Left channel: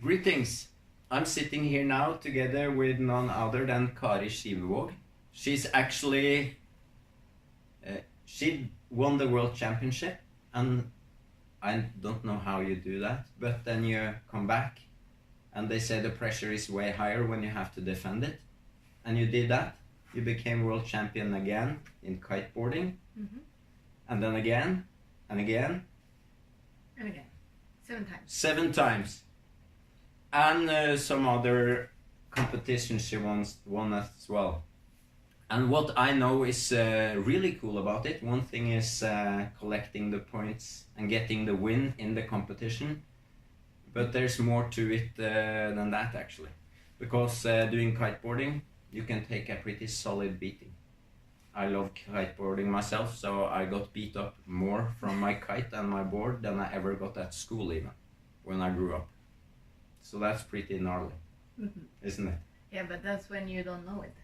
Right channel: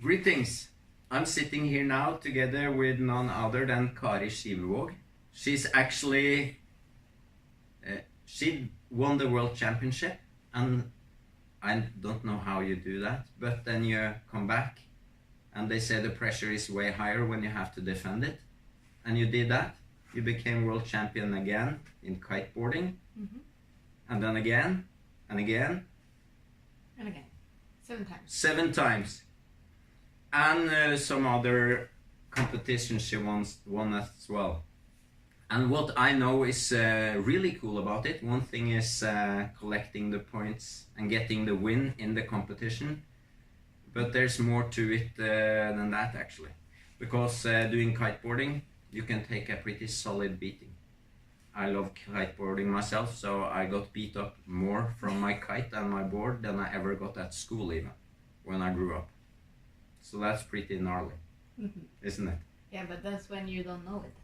Greetings. I'm sitting here now together with none other than Kari Schibevaag. She's actually she won the world championship, and I don't know how you do that, but then you come back and they say the pressure is way higher when you have to defend it, and you did that. You became world champion again in kiteboarding, and then again and again and again, 7 times. 7 times. And some other competitions she won as well. And what I know is really cool about it, one thing is collecting the points and getting the win in the competition, but there's more to it than that actually, because doing kiteboarding you can take a pretty solid beating. I love kiteboarding myself, so I got beat up more from my kite and my board than I ever got at school even when I grew up. So that's pretty gnarly, isn't it? Yeah, but that's when you don't know it.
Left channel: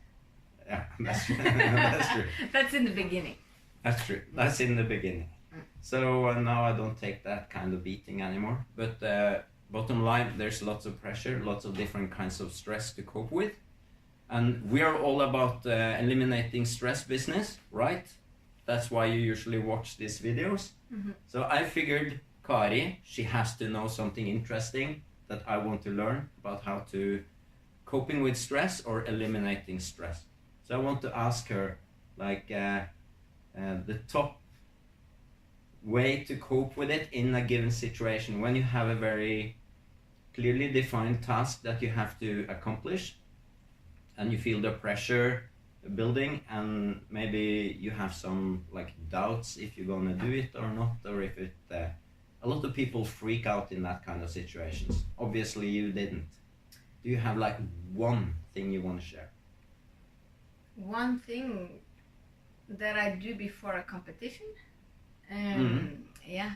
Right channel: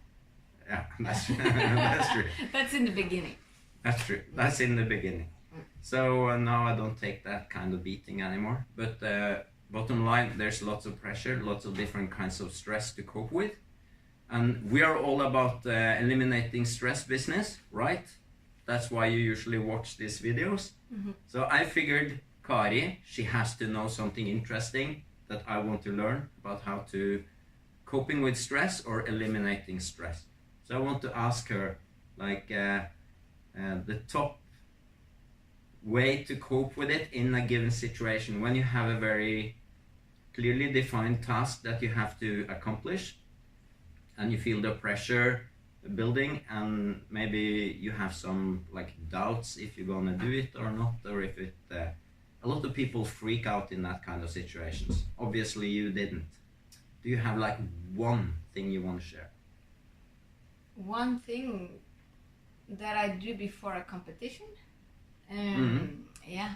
Yeah, that's true. That's in the beginning. That's true. That's in the beginning. So now I don't take that kind of beating anymore. But bottom line, there's lots of pressure, lots of different kinds of stress to cope with. And we are all about eliminating stress business, right? That's why you usually watch these videos. So I figured Kari, she has to know something interesting that I want to learn about how to coping with stress or eliminating stress. So I want to ask her like the top way to cope with it in a given situation when you have a very clearly defined task that you have to accomplish and you feel the pressure building, and maybe you have some like doubts if you're gonna do it or not, or if it a lot of people freak out in that kind of situations. Obviously you didn't. Do you have like one thing you want to share? One thing that I do before a competition, yeah,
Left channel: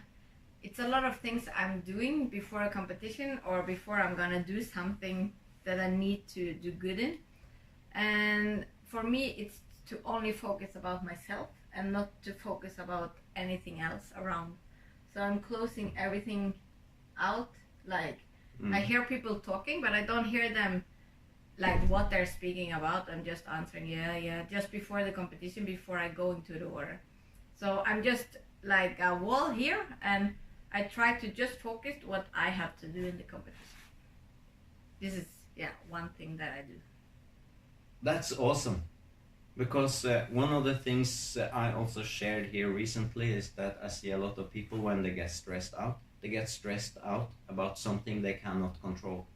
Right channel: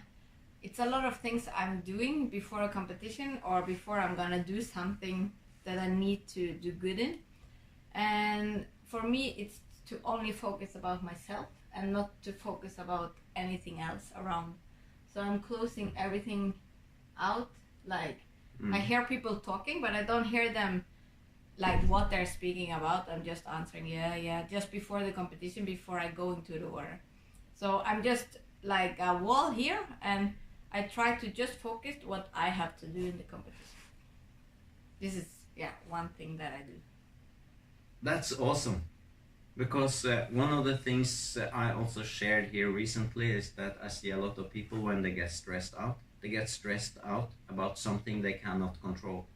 it's a lot of things I'm doing before a competition or before I'm gonna do something that I need to do good in. And for me, it's to only focus about myself and not to focus about anything else around. So I'm closing everything out. Like I hear people talking, but I don't hear them like what they're speaking about. I'm just answering yeah just before the competition, before I go into the water. So I'm just like a wall here, and I try to just focus what I have to do in the competition. This is one thing that I do. That's awesome, because one of the things I also shared here recently is that I see a lot of people when they get stressed out about something they cannot control.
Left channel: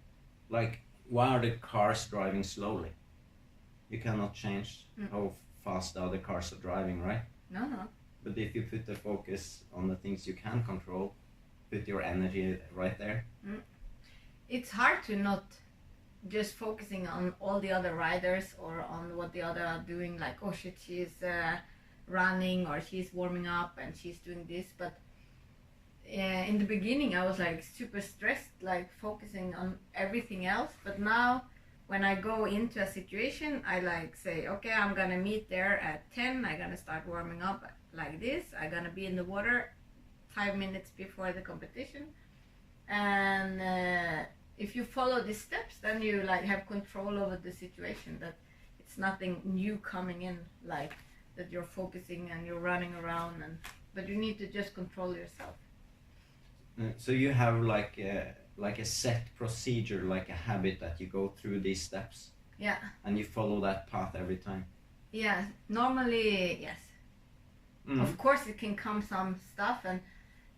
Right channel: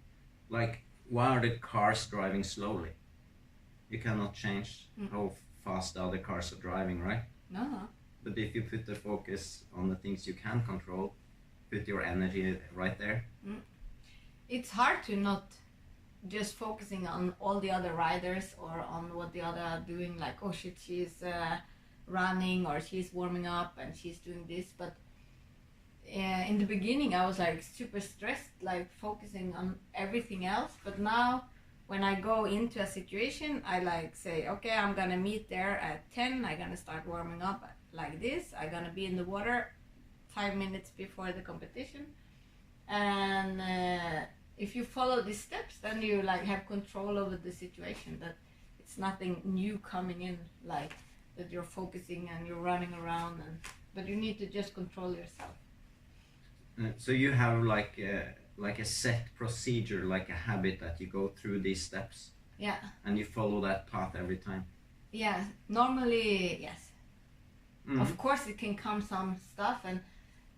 Like, why are the cars driving slowly? You cannot change how fast the other cars are driving, right? No. But if you put the focus on the things you can control, put your energy right there. It's hard to not just focusing on all the other riders or on what the other are doing, like, oh shit, she's running or she's warming up and she's doing this. But in the beginning I was like super stressed, like focusing on everything else. But now when I go into a situation, I like say, okay, I'm gonna meet there at 10, I'm gonna start warming up like this, I'm gonna be in the water 5 minutes before the competition. And if you follow these steps, then you like have control over the situation, that it's nothing new coming in, like that you're focusing and you're running around, but you need to just control yourself. So you have like a set procedure, like a habit that you go through these steps. Yeah. And you follow that path every time. Yeah, normally yes. Of course it can come some stuff, and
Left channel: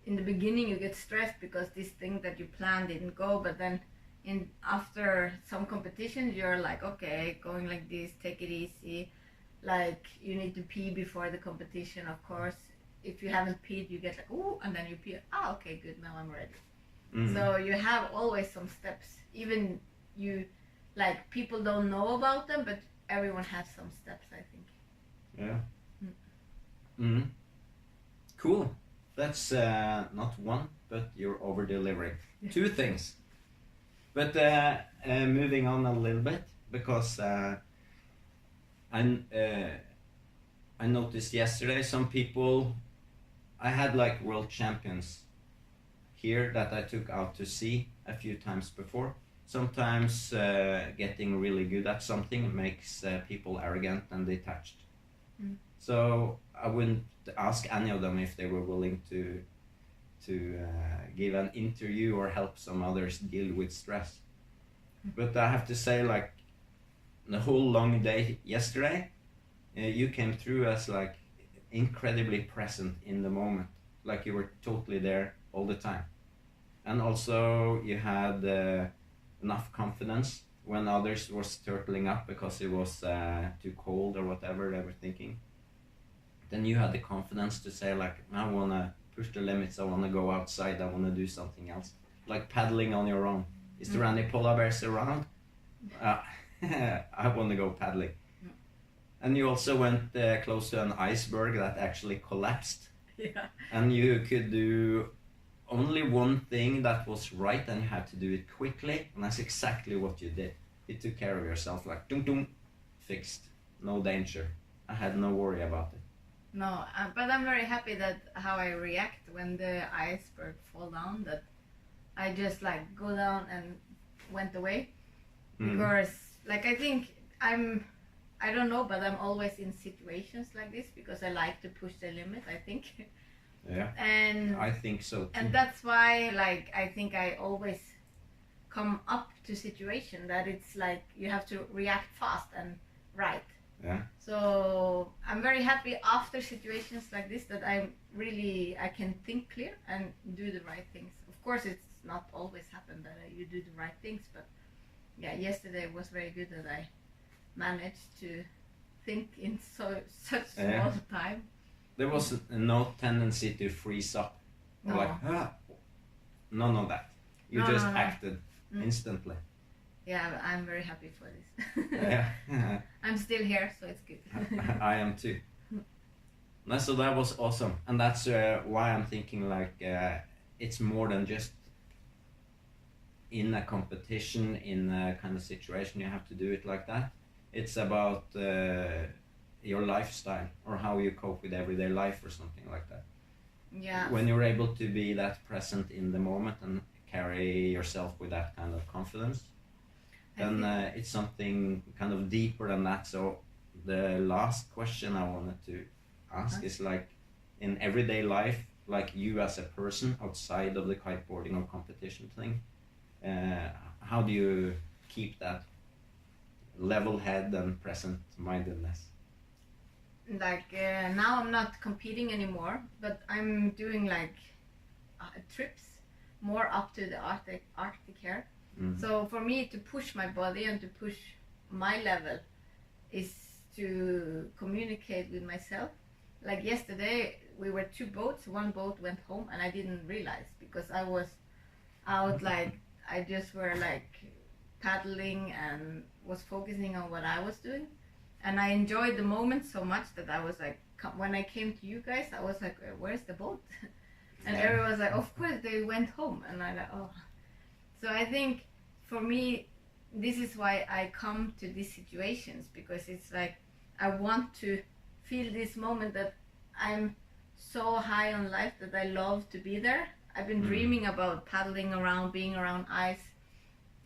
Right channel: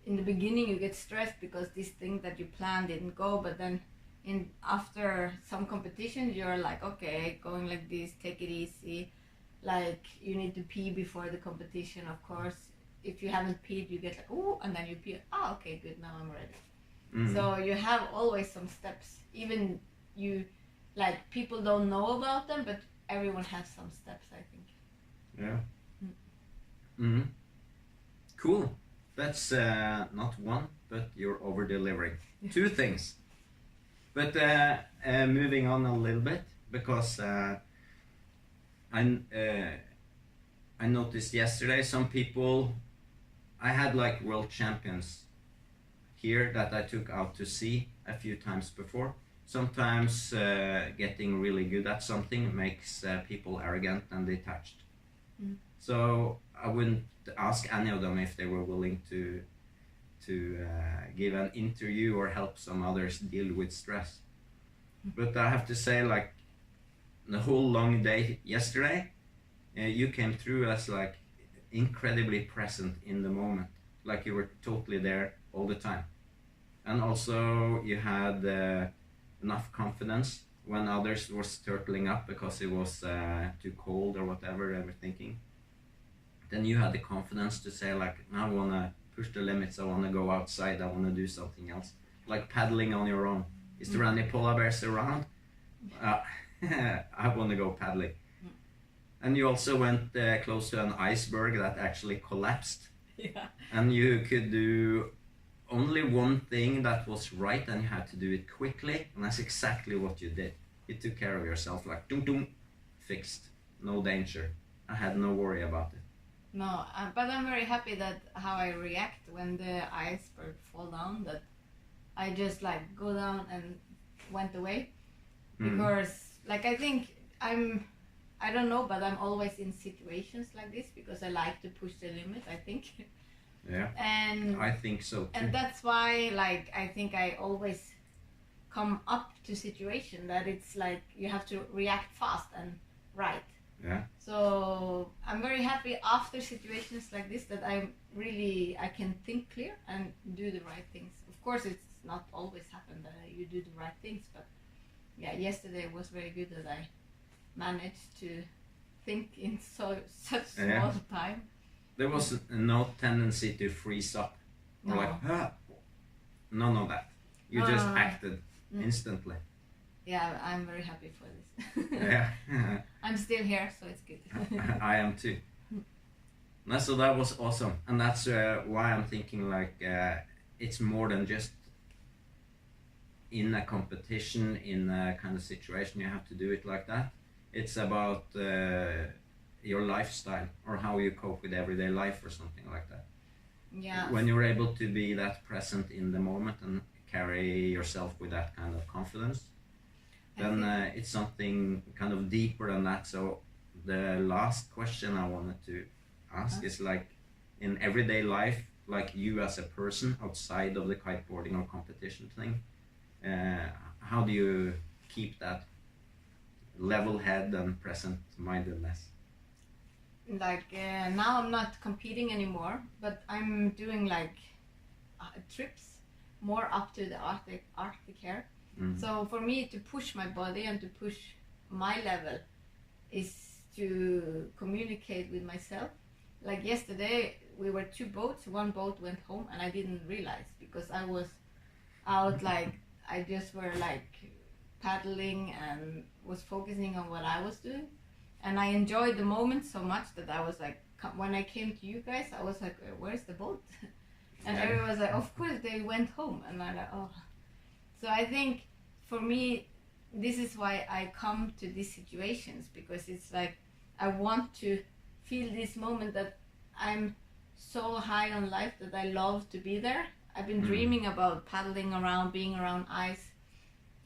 in the beginning you get stressed because this thing that you planned didn't go, but then after some competitions you're like, okay, going like this, take it easy. Like you need to pee before the competition, of course. If you haven't peed, you get like, ooh, and then you pee. Okay, good, now I'm ready. So you have always some steps. Even you, like, people don't know about them, but everyone has some steps, I think. Yeah. Cool. That's not one, but you're over delivering. 2 things. But moving on a little bit, because I noticed yesterday some people, I had like world champions here that I took out to sea, a few times before. Sometimes getting really good at something makes people arrogant and detached. So I wouldn't ask any of them if they were willing to give an interview or help some others deal with stress. But I have to say, like, the whole long day yesterday, you came through as like incredibly present in the moment, like you were totally there all the time. And also you had enough confidence when others was turtling up because it was too cold or whatever they were thinking. Then you had the confidence to say, like, I want to push the limits, I want to go outside, I want to do something else, like paddling on your own. Is there any polar bears around? I want to go paddling. And you also went close to an iceberg that actually collapsed. Yeah. And you could do only one thing that was right, and you had to do it quickly, and that's exactly what you did. You took care of yourself, like dum dum, fixed, no danger. I had no worry about it. No, but I'm very happy that how I react when the iceberg fall down, that I just like go down and went away. Because like I think I don't know, but I'm always in situations like this because I like to push the limit, I think. Yeah. And I think so too. And that's why, like, I think I always come up to situation that it's like you have to react fast and right. Yeah. So I'm very happy after situations like this that I can think clear and do the right things. Of course, it's not always happen that you do the right things, but yeah, yesterday was very good that I managed to think in such small time. There was no tendency to freeze up or like, none of that. You just acted instantly. Yeah, I'm very happy for this. Yeah. I'm still here, so it's good. I am too. No, so that was awesome, and that's why I'm thinking like it's more than just in a competition, in a kind of situation you have to do it like that. It's about your lifestyle or how you cope with everyday life or something like that. Yeah. When you're able to be that present in the moment and carry yourself with that kind of confidence, then it's something kind of deeper than that. So the last question I wanted to ask is like, in everyday life, like you as a person outside of the kiteboarding or competition thing, how do you keep that level head and present mindedness? Like now I'm not competing anymore, but I'm doing like trips more up to the Arctic here. So for me to push my body and to push my level is to communicate with myself. Like yesterday we were 2 boats, 1 boat went home and I didn't realize because I was out, like I just were like paddling and was focusing on what I was doing, and I enjoyed the moment so much that I was like, when I came to you guys I was like, where's the boat? And everyone was like, of course they went home, and I like, oh. So I think for me this is why I come to these situations, because it's like I want to feel this moment that I'm so high on life that I love to be there. I've been dreaming about paddling around, being around ice,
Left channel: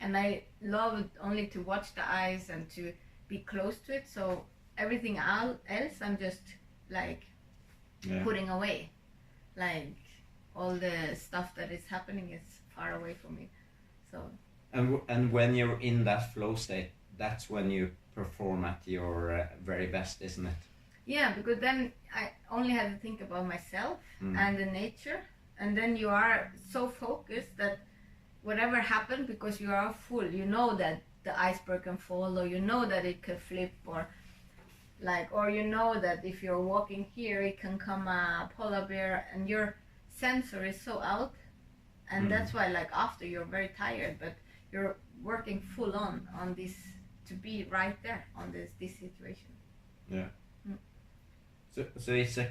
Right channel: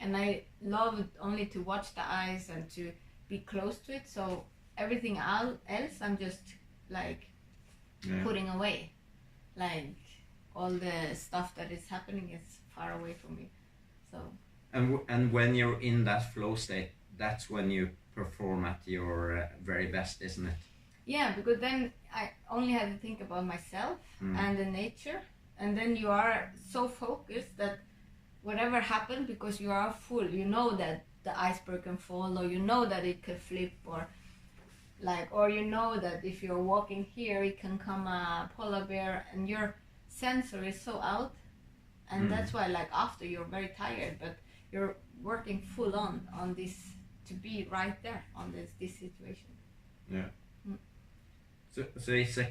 and I love only to watch the ice and to be close to it. So everything else I'm just like putting away, like all the stuff that is happening is far away from me. So and when you're in that flow state, that's when you perform at your very best, isn't it? Yeah, because then I only had to think about myself and the nature, and then you are so focused that whatever happened, because you are full, you know that the iceberg can fall, or you know that it could flip, or you know that if you're walking here it can come a polar bear, and your sensor is so out, and that's why like after you're very tired, but you're working full on this to be right there on this situation. Yeah. So it's a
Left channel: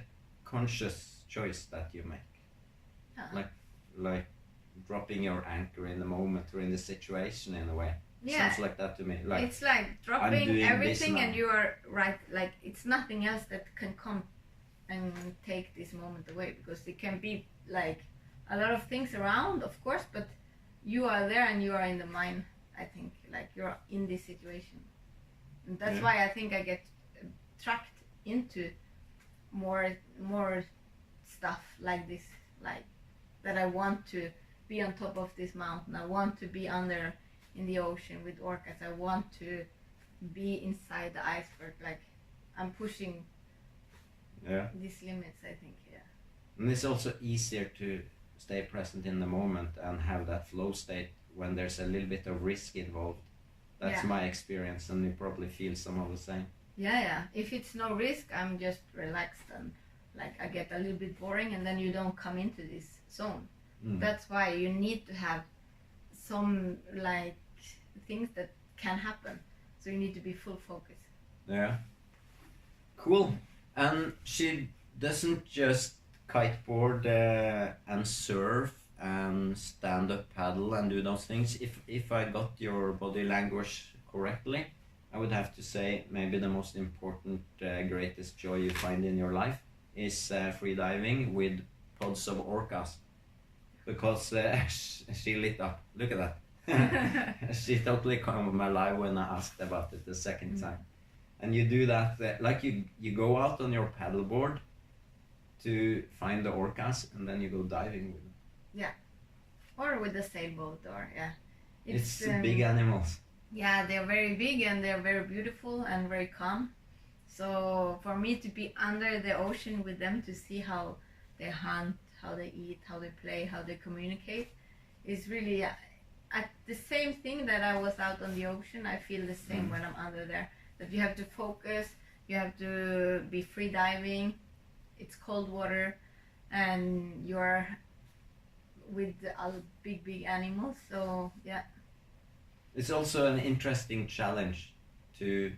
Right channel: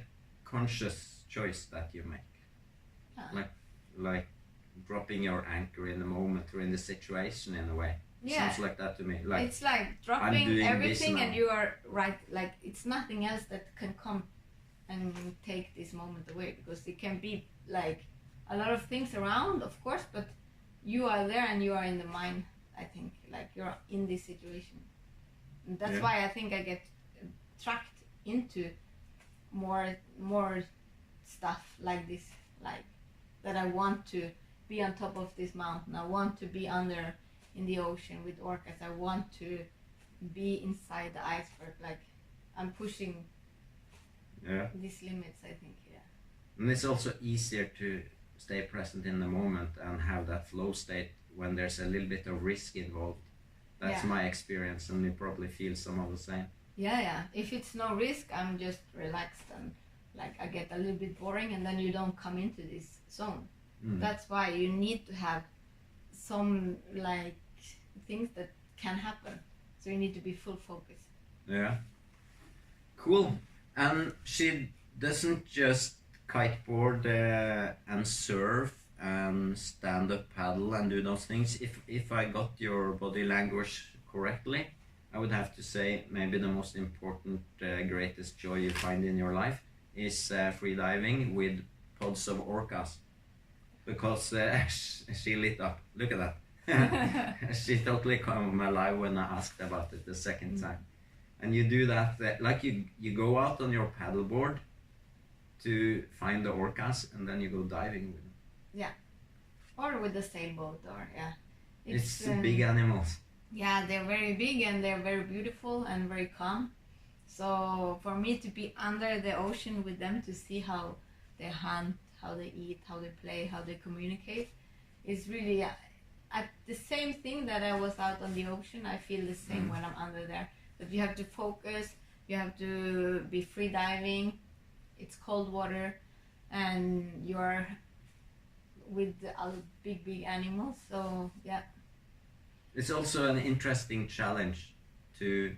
conscious choice that you make, like dropping your anchor in the moment or in the situation in a way. Yeah. Sounds like that to me. Like it's like dropping everything and you are right, like it's nothing else that can come and take this moment away, because it can be like a lot of things around, of course, but you are there and you are in the mind. I think like you're in this situation, and that's why I think I get tracked into more stuff like this, like that I want to be on top of this mountain. I want to be under in the ocean with orcas. I want to be inside the iceberg. Like I'm pushing these limits, I think. And it's also easier to stay present in the moment and have that flow state when there's a little bit of risk involved. That's my experience, and you probably feel some of the same. Yeah. If it's no risk, I'm just relaxed and like I get a little bit boring, and then you don't come into this zone. That's why you need to have some like things that can happen. So you need to be full focus. Yeah. Cool. And she doesn't just kiteboard and surf and stand up paddle and do those things. If I got your body language correctly, I would have to say maybe the most important greatest joy you find in your life is freediving with pods of orcas, because she lit up. Look at that. She totally came alive when I asked about it the second time. And you do that like you go out on your paddleboard to find the orcas, and then you go diving with them. Yeah, or with the sailboat, or It's big animals. Yeah, they're very big and they're very beautiful and very calm. So for me to be under the ocean with them, to see how they hunt, how they eat, how they play, how they communicate, is really at the same thing that I was out on the ocean. I feel the same when I'm under there. That you have to focus, you have to be free diving. It's cold water, and you're with other big animals. So yeah. It's also an interesting challenge to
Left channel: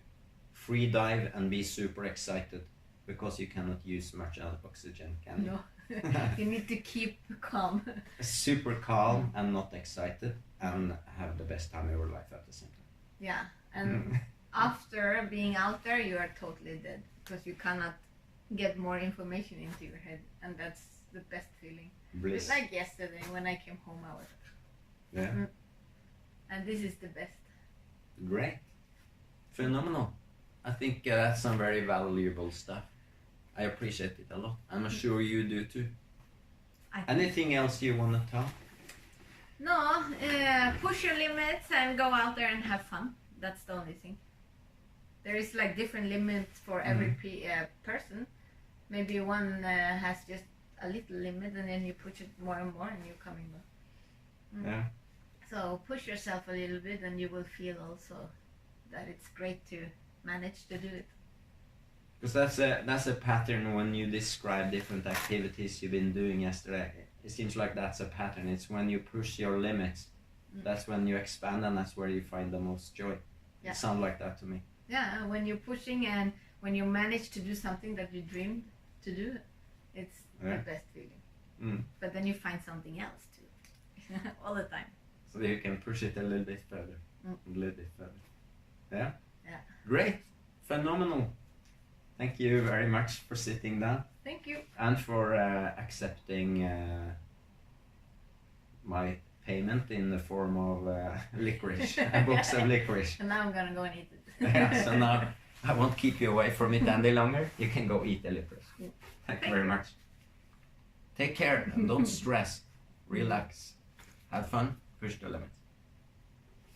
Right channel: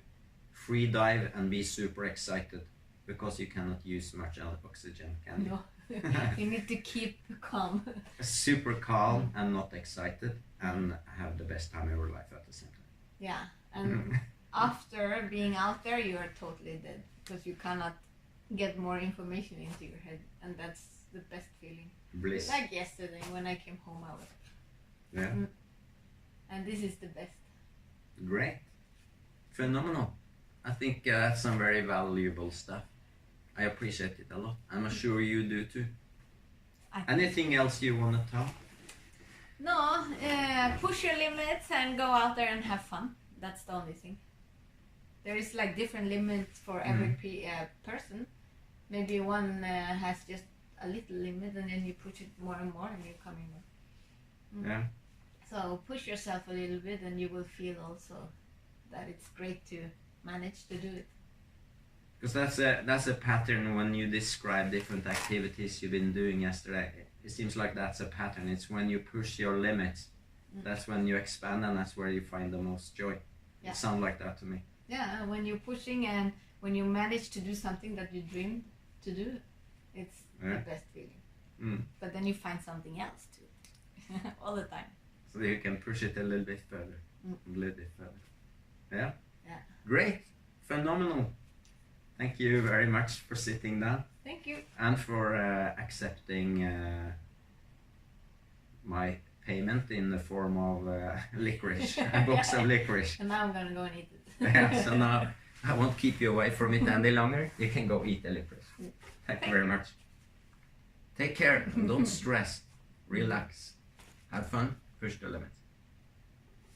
free dive and be super excited, because you cannot use much oxygen, can you? No, you need to keep calm. Super calm and not excited, and have the best time of your life at the same time. Yeah, and after being out there, you are totally dead, because you cannot get more information into your head, and that's the best feeling. Bliss. Like yesterday when I came home, I was. Yeah. And this is the best. Great. Phenomenal. I think that's some very valuable stuff. I appreciate it a lot. I'm sure you do too. Anything else you want to tell? No, push your limits and go out there and have fun. That's the only thing. There is like different limits for every person. Maybe one has just a little limit, and then you push it more and more, and you're coming more. Yeah. So push yourself a little bit, and you will feel also that it's great to manage to do it. Because that's a pattern when you describe different activities you've been doing yesterday. It seems like that's a pattern. It's when you push your limits, that's when you expand, and that's where you find the most joy. Yeah. It sounds like that to me. Yeah, when you're pushing and when you manage to do something that you dreamed to do, it's the best feeling. But then you find something else too, all the time. So you can push it a little bit further, a little bit further. Yeah? Yeah. Great. Phenomenal. Thank you very much for sitting down. Thank you. And for accepting my payment in the form of licorice, a box of licorice. And now I'm gonna go and eat it. Yeah, so now I won't keep you away from it any longer. You can go eat the licorice. Thank you very much. Take care and don't stress. Relax. Have fun. Push the limits.